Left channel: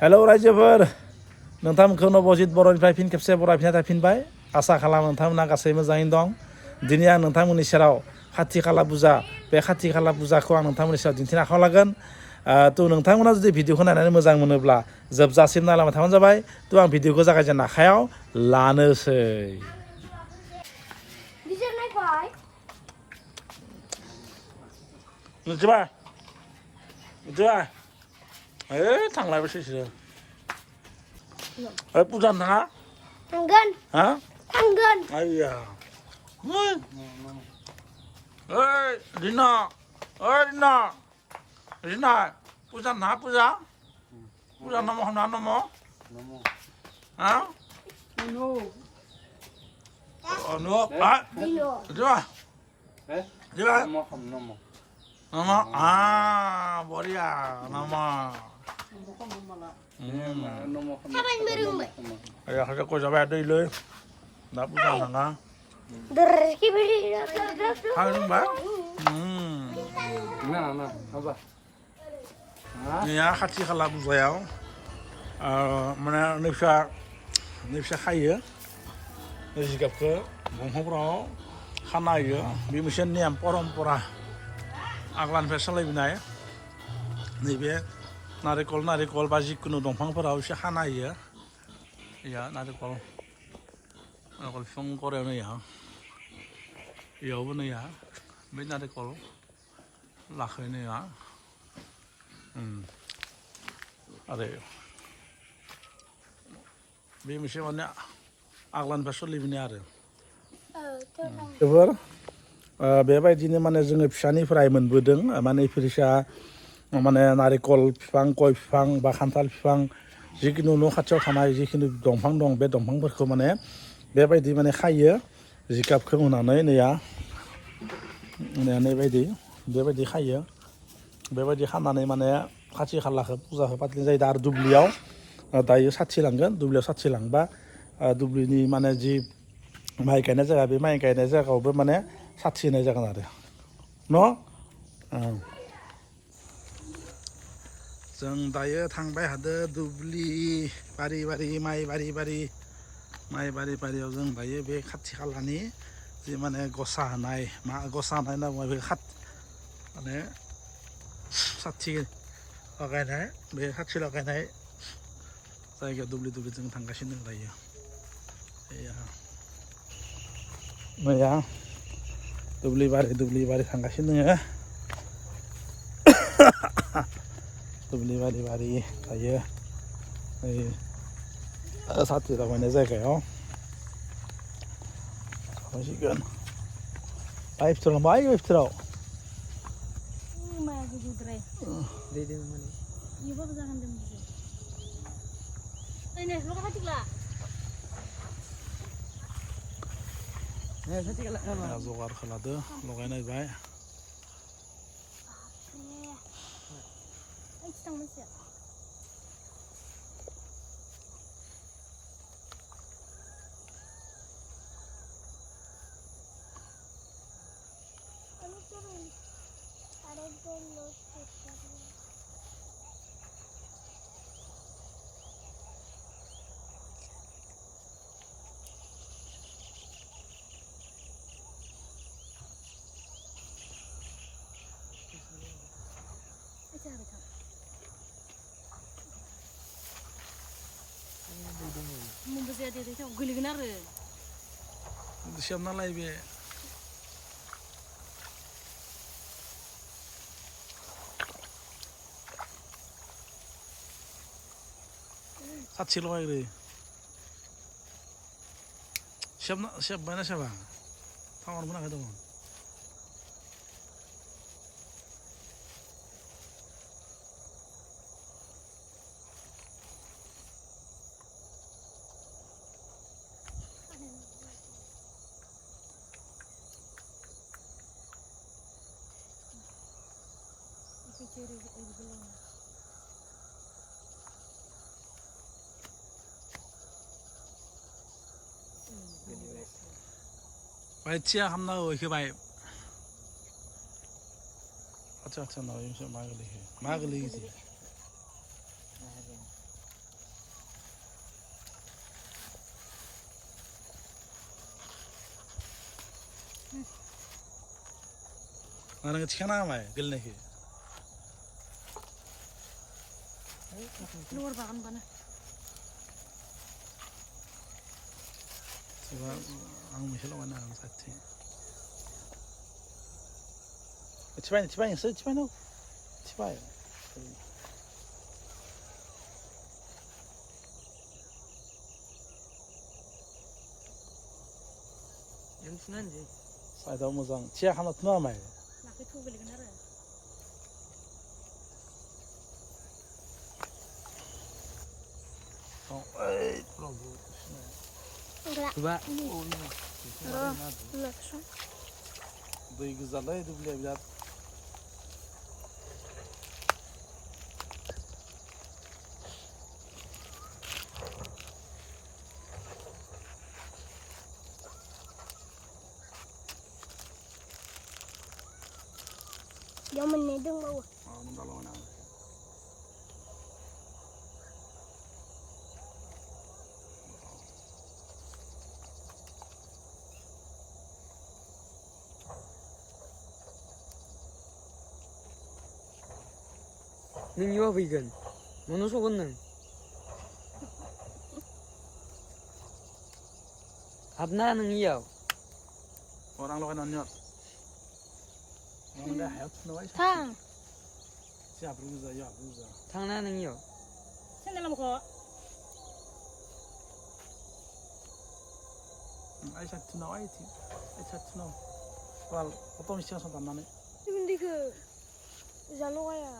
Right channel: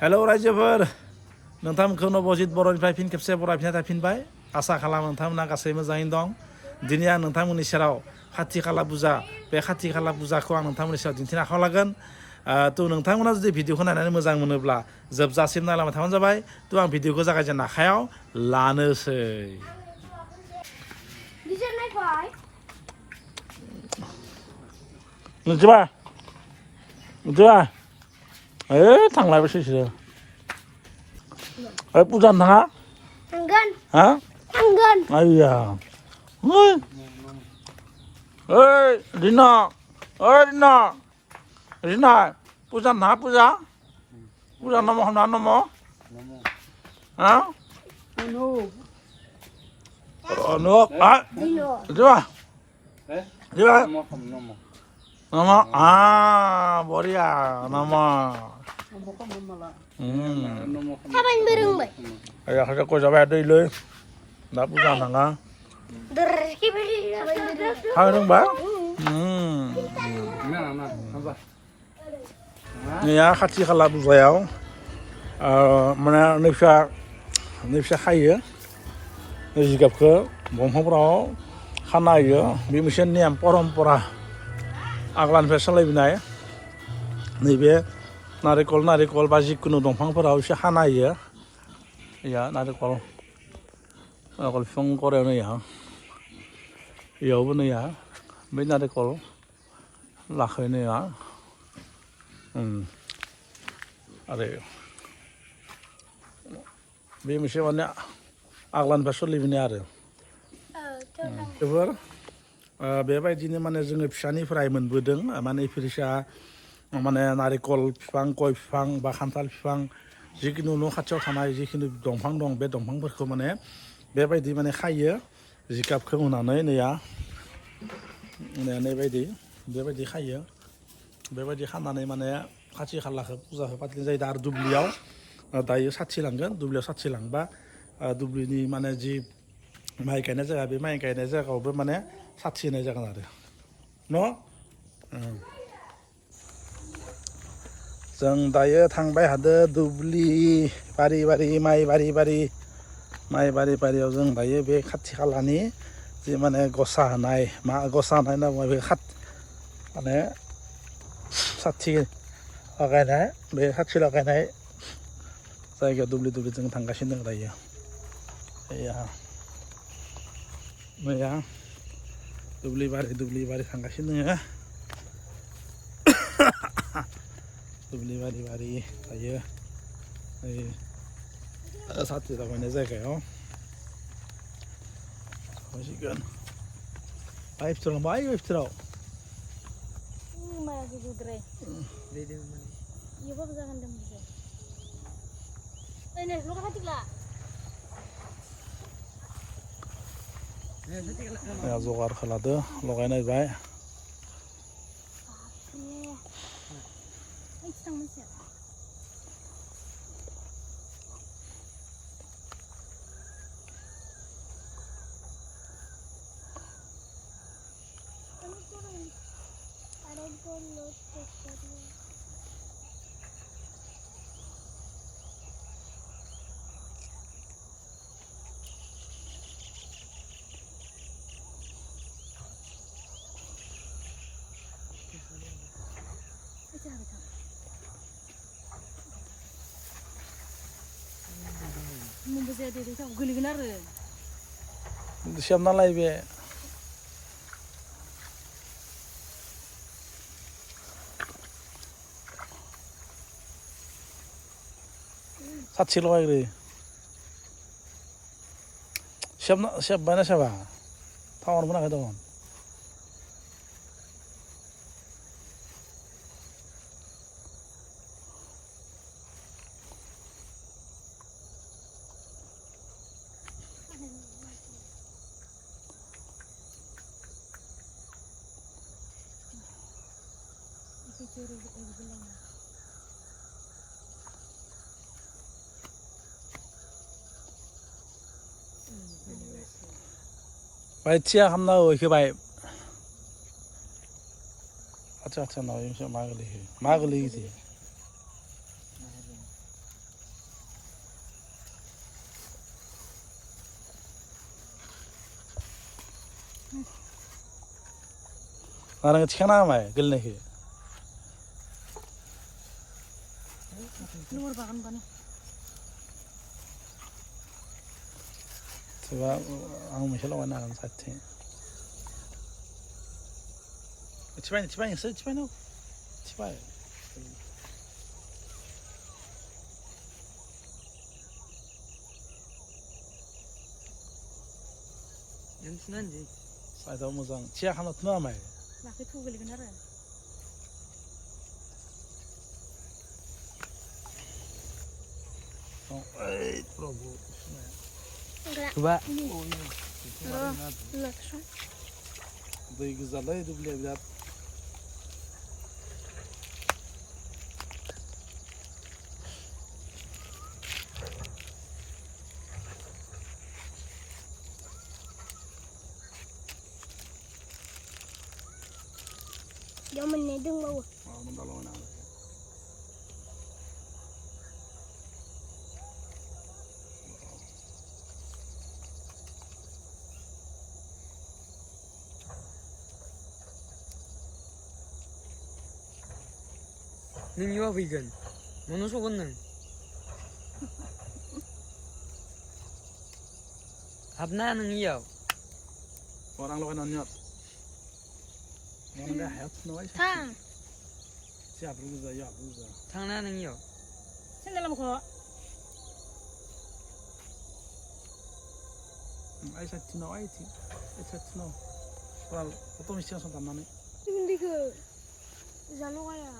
Hello रायजोफोर नोंथांमोनखौ नबजित बर'निफ्राय फिन खेबसे बरायफिननाय थाफिनबाय आसा खालामो नोंथांमोना गासै मोजाङैनो दं दिनै आं नोंथांमोननि सेराव खाथि खाला पुजा बे खाथि खाला पुजाखौ आं नोंथांमोननि सेराव दिन्थिनो आखायाव लागोन थ' नोंथांमोना जुदि भिडिअखौ नायनानै मोजां मोनोब्ला जोबजासिम नायलांबाय थाबानो जाबाय थ' आं भिडिअखौ जागायजेननो आखायाव लानोसै मिथिबा थांलायबायसो पुजा थाङा थांगोन हा थांगोन आइया ओइ रिना रिना पुजा थाङा पुजा नम हमना नम हा अनुप हा मिथिबा मिथिबा नम बरिया नम थाबायनोबो रोंबाय ayah saya kau sampai ada ile, nak pulang nanga, hai dong bang, ni ya hati kalau buzayau, mana nifsa kaya, jika ke bongkong perahu, khana ya, bimusin ni am pora, aglan fesal lebih naik, ni be narikol baju kuno dongpang perahu si khana ya. Ya, narikol film Korea nih ya, ya bener ya, be narikol laku ini ya, ada, be mesti mana aglan besok lebih nih ada, coba, bebaiknya mana jenenge pisani fry menbudeng, mana ifrisha, mana narikol fang, koi fang, bakantal fang. जिखुनु न' खाथियाव थानाय जिखुनु दंफां दं बे दंफांफोरखौ माने बेबायदि माने खायो जिगाबखौ होनानै बेबायदि खायो बेबायदि खानानै माने खाथि खालाखौ फुजाखौ फाथिनाय जायो आरो दुब्लियाव दायो साथि लांगोन दुब्लियाव साथि लांबा दुब्लिनि माने जि माइ गायनाय जायगा बे माइ गायनाय जायगायावबो माने साथि होनाय जागोन आरो न' जों दायो थांबाय हादो दुब्लि बारि माइ बारियाव जों दायो बे खाथि खालानि जि माने गसा होनाय होनना बुङो बे माने साथि लगायनाय बे साथि लगायनाय जायगायाव दुब्लि जों थांगासिनो दं दायो मैया दुब्लि बारि थांगासिनो दङ दुब्लि बारि दायो साथि लगायनाय जायगायाव थांसिगोन बाय फिथोराव जगार खालामदो लगायनाय बाय siapnaलाय बे साथि लगायग्रो सियाबबायना सियाबा टाउन मोनाखै दङ बाय थिया खालामना होबाय आच्छा नाव मा गोलैयो 나랑 치카나 마이 글네히 Luar bakan bana. 제가 아무 미실로 나랑 사팅 집안에 있어 집안에 집안에 연순한지. 사이다 무상 지하 하나 더 남아요 Nak itu beli bener. 에이 프로브 Enggak. Coba. Enggak kesana. ضيق الزلة يدوب لي بلاد Jangan nedeng bawah. من ضلوا أنا Ning yo vegan. Mono sogon nang. Habna nang yo. orang lo kan nyot orang dah hayat nuai Tang. siap berusaha ya berusaha Tangna nang yo. Senggalam kok. Aisyah tino aiti Aisyah tino wal foto mesti langsung taman Ini ke. Zalo kaya.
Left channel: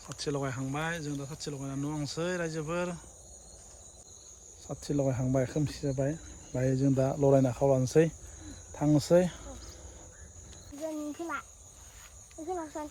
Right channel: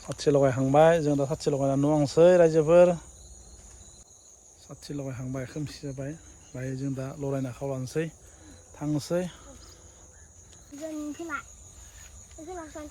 사치 लगाय हांबाय जों दा साथि लगायना नुवांसै रायजोफोर साथि लगाय हांबाय खोमसि जाबाय बाय जों दा लरायना खावलानोसै थांनोसै Jangan pelak. Itu langsung.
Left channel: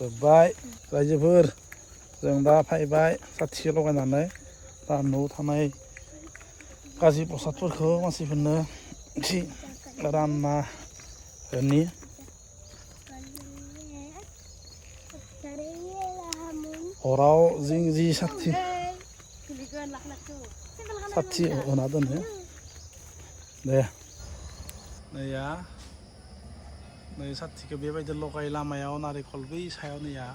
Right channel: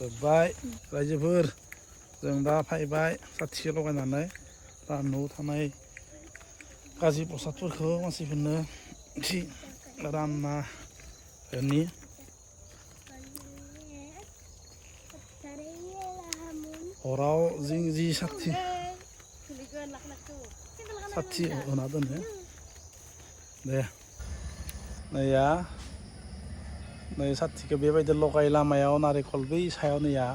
जोब्बाय रायजोफोर जों दा फैबाय साथि लगायनानै दा न'आव थानाय गाज्रि प्रसादफोरखौ मानसिफोरनो एसे रानना होनि हराव जों जि साथि होना दोनो दे नैया नै साथिखौ बेबायदि लगाय लामायाव नारेंखल बै सायाव नैया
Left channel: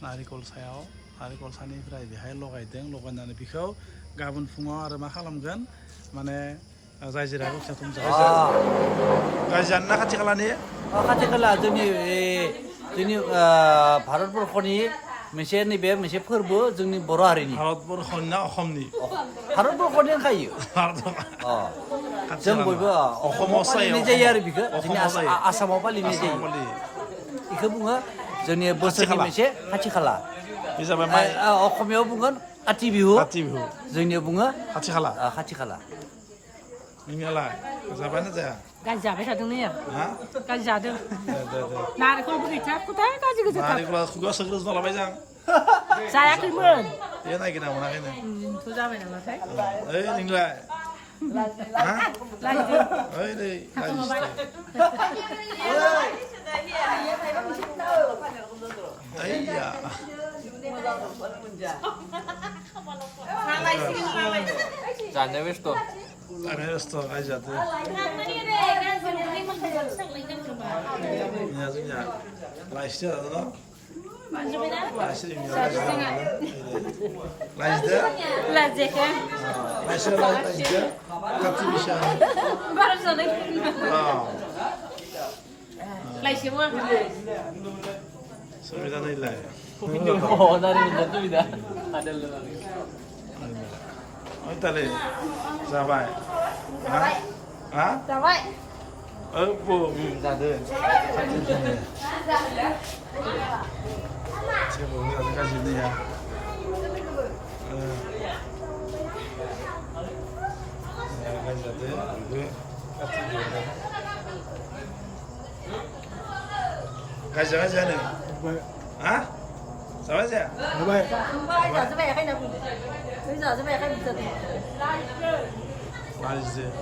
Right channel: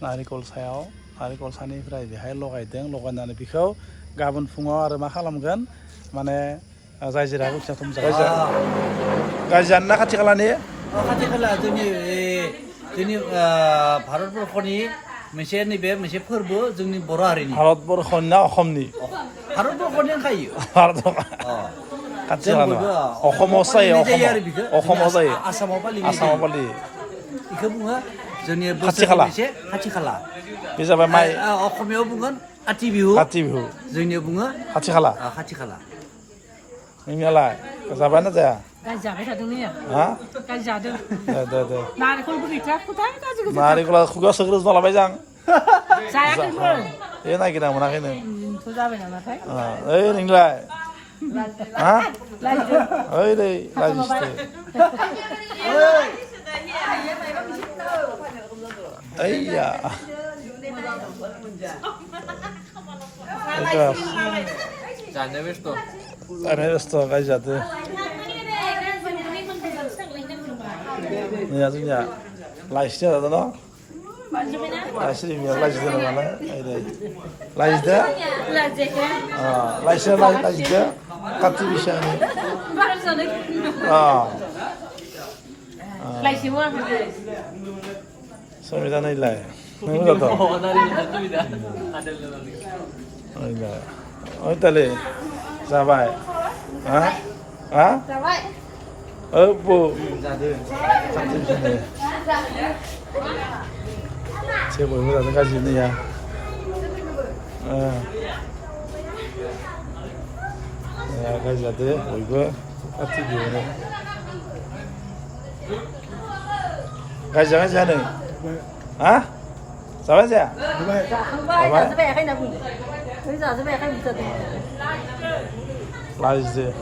नारेंखल सायाव नारेंखल सानिफ्राय बेहाय लगायदों लगायनानै बेखौ गाबोन फुङाव आरो मा खालामगोन माने जाय जिराखौ फिसा थुम गाज्रि जानो ना खाथि खालानि खाथि खाला जोंनि भारतबर्षनि मोनसे नैबे मोनसे फोरबो जोंनि बर' हारिनि भारतबर्षनि ना अসমनि भारतबर्षनि होनखायो खाथि जों खाला बयबो अखमाव जायो जायो आरो बेखौ अखमाव जायो आसामाव फालिनाय आसामाव जायो फालियो बेखौ बुङो जोंनि खाथि बोसोरनि खाला मोनसे खाथि खाला बे जाबाय माइ असमियाव बुंगोन काति बिहु काति बिहु जोंनियाव बुङो खाथि खाला खाथि खाला नोंनियालाय जाबायना जाया गाज्रि जाबाय थादों नै हा गाज्रि जादों दे नारेंखलबो गैथ्रा खोथाय गाज्रि गोजा नारेंखला खुगायाव सोग्रोजोबना लाबाय जां जायाखैमोन ए नागिरना मोनाखैनो एम्फौ जाबाय नामाथाय ओइ नोंलाय हा लायदो ओइ दै ओइया जानो बेस्थ' जानाय बेस्थ' गाज्रि जादो नैया जोंनिया लाइसि जादों न' लाइसि रिमिया लाइसि जादों नालाय लाइसदो लाइसि लाइसदो काति बिसानि समिता नैलाय नों जादों ओइ ताले जाबाय हा हा Jawa. Bu जादों 제가 뭐 자는 가지 있느냐 야 가지 자들 뭐 이거 같은 거네 가지 하는 아? 잡아자 잡아 라이즈